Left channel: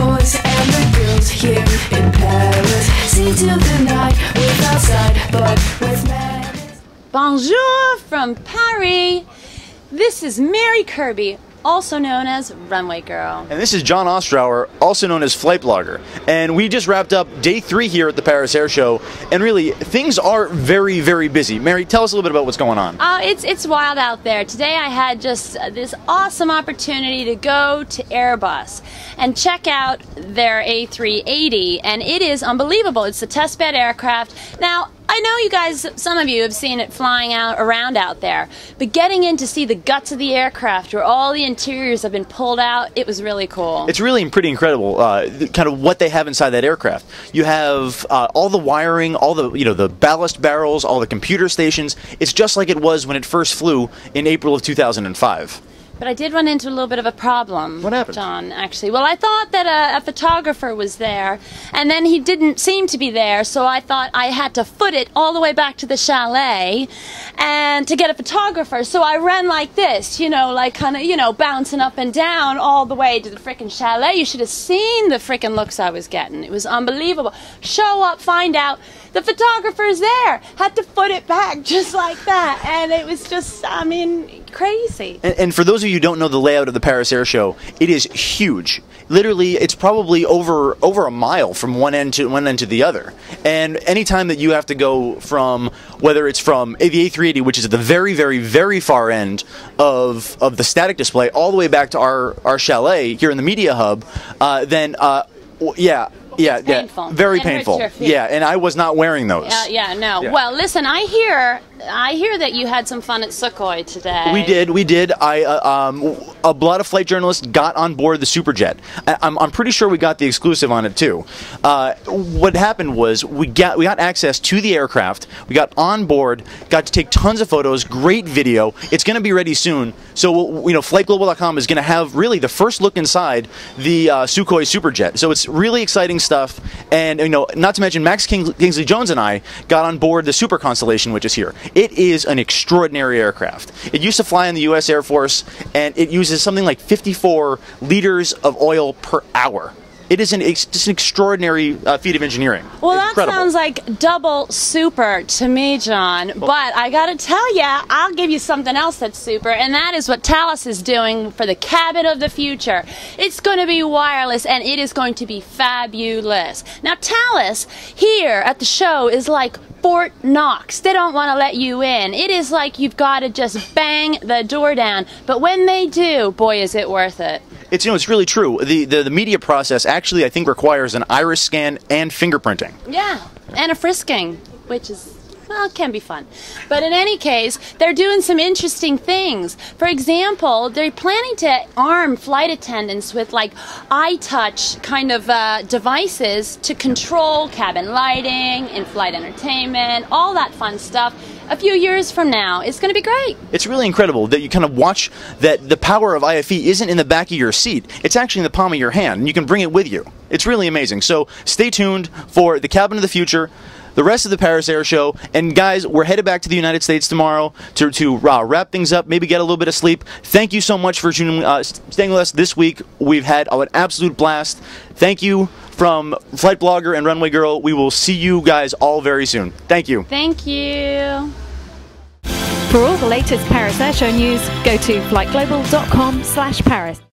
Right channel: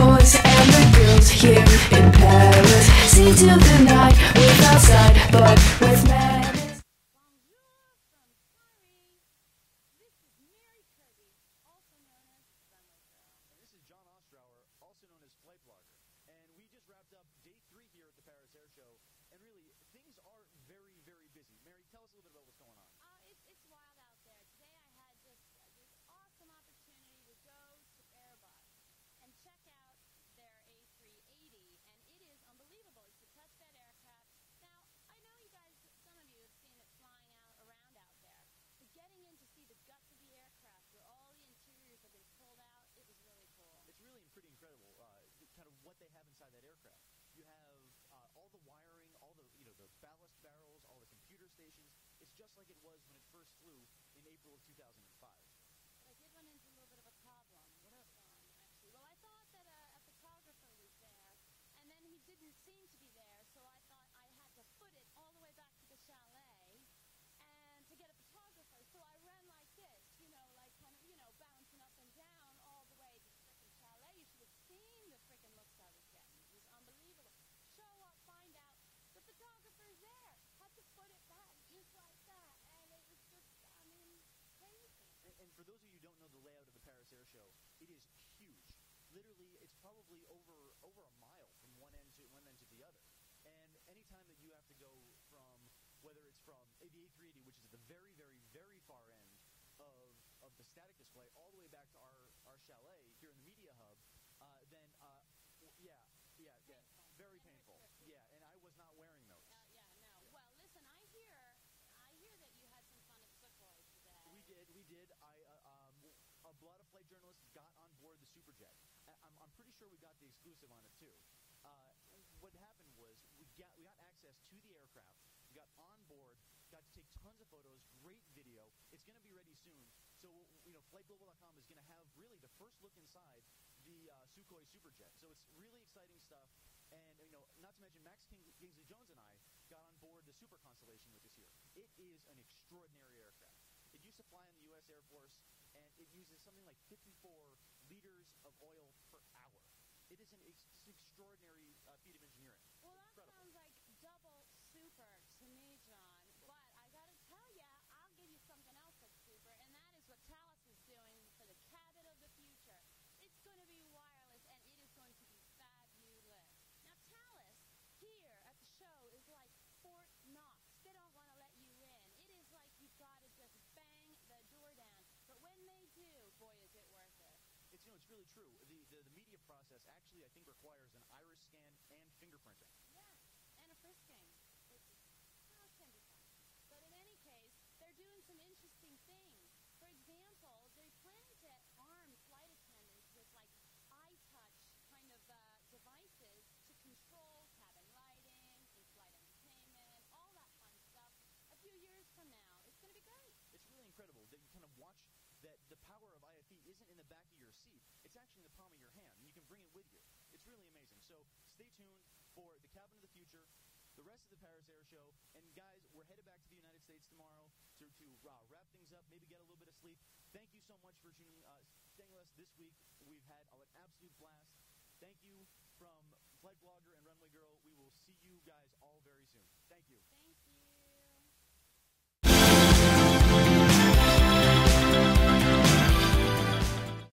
boys and the girls here in Paris. See to the night with outside, but with madness. Bonjour from Paris. This is Mary Kirby, also known as Runway Girl. And this is John Ostrower, also known as Flightblogger. And we just wrapped up day 3 here at the Paris Air Show. And really, things are very, very busy. Mary, tell us a little bit about what's going on. It's wild out there. Today I had just this awesome opportunity to go to Airbus and check out their A380. And it is unbelievable. It's a testbed aircraft. Now, I know you guys, some of you have seen it flying around out there, but getting in to see the guts of the aircraft where all the interiors have been pulled out, it was really cool. It's really pretty incredible, kind of what they have inside that aircraft. You have all the wiring, all the the ballast barrels, all the computer stations. It's just like it was when it first flew in April of 2005. But I did run into a little bit of a problem. What happened? John, actually. Well, I thought that a photographer was there, and then he didn't seem to be there, so I thought I had to foot it all the way back to the chalet and to get a photographer. So I ran like this, like kind of, bouncing up and down all the way to the frickin' chalet. You should have seen the frickin' looks I was getting. It was unbelievable. Show up, find out the photographer's there. Had to foot it back just like that, and it was just, crazy. And for those of you who don't know the layout of the Paris Air Show, it is huge. Literally, it's probably over a mile from one end to the other. And anytime that you have to go from, whether it's from the A380, which is at the very, very, very far end of the static display, all the way back to our chalet here in the media hub, then yeah, painful. Very it painful. Hurts your feet. Yeah, and I was not wearing those. No. Yeah. Well, listen, I hear that you had some fun at Sukhoi today. We did. A lot of flight journalists got on board the Superjet. I'm pretty sure we got the exclusive on it too. What happened was we got access to the aircraft. We got on board, got to take tons of photos, great video. It's going to be ready soon. So flightglobal.com is going to have really the first look inside the Sukhoi Superjet. So it's really exciting stuff. And not to mention Max Kingsley Jones and I got on board the Super Constellation, which is here. It is an extraordinary aircraft. It used to fly in the U.S. Air Force, and it uses something like 54 liters of oil per hour. It is just an extraordinary feat of engineering. Well, Incredible. That sounds like double super to me, John. But I got to tell you, I'll give you something else that's super, and that is what Thales is doing for the cabin of the future. It's going to be wireless, and it is going to be fabulous. Now, Thales here at the show is like Fort Knox. They don't want to let you in. It is like you've got to just bang the door down. But when they do, boy, is it worth it. It's it's really true. The media process actually I think requires an iris scan and fingerprinting. Yeah, and a frisking, which is, well, it can be fun. But in any case, they're doing some interesting things. For example, they're planning to arm flight attendants with like eye-touch kind of devices to control cabin lighting, in-flight entertainment, all that fun stuff. A few years from now, it's going to be great. It's really incredible that you kind of watch that the power of IFE isn't in the back of your seat. It's actually in the palm of your hand, and you can bring it with you. It's really amazing. So stay tuned for the Cabin of the Future, the rest of the Paris Air Show, and guys, we're headed back to the United States tomorrow to wrap things up, maybe get a little bit of sleep. Thank you so much for staying with us this week. We've had an absolute blast. Thank you from Flightblogger and Runway Girl. We will see you guys all very soon. Thank you. Thank you. For all the latest Paris Air Show news, go to flightglobal.com/Paris.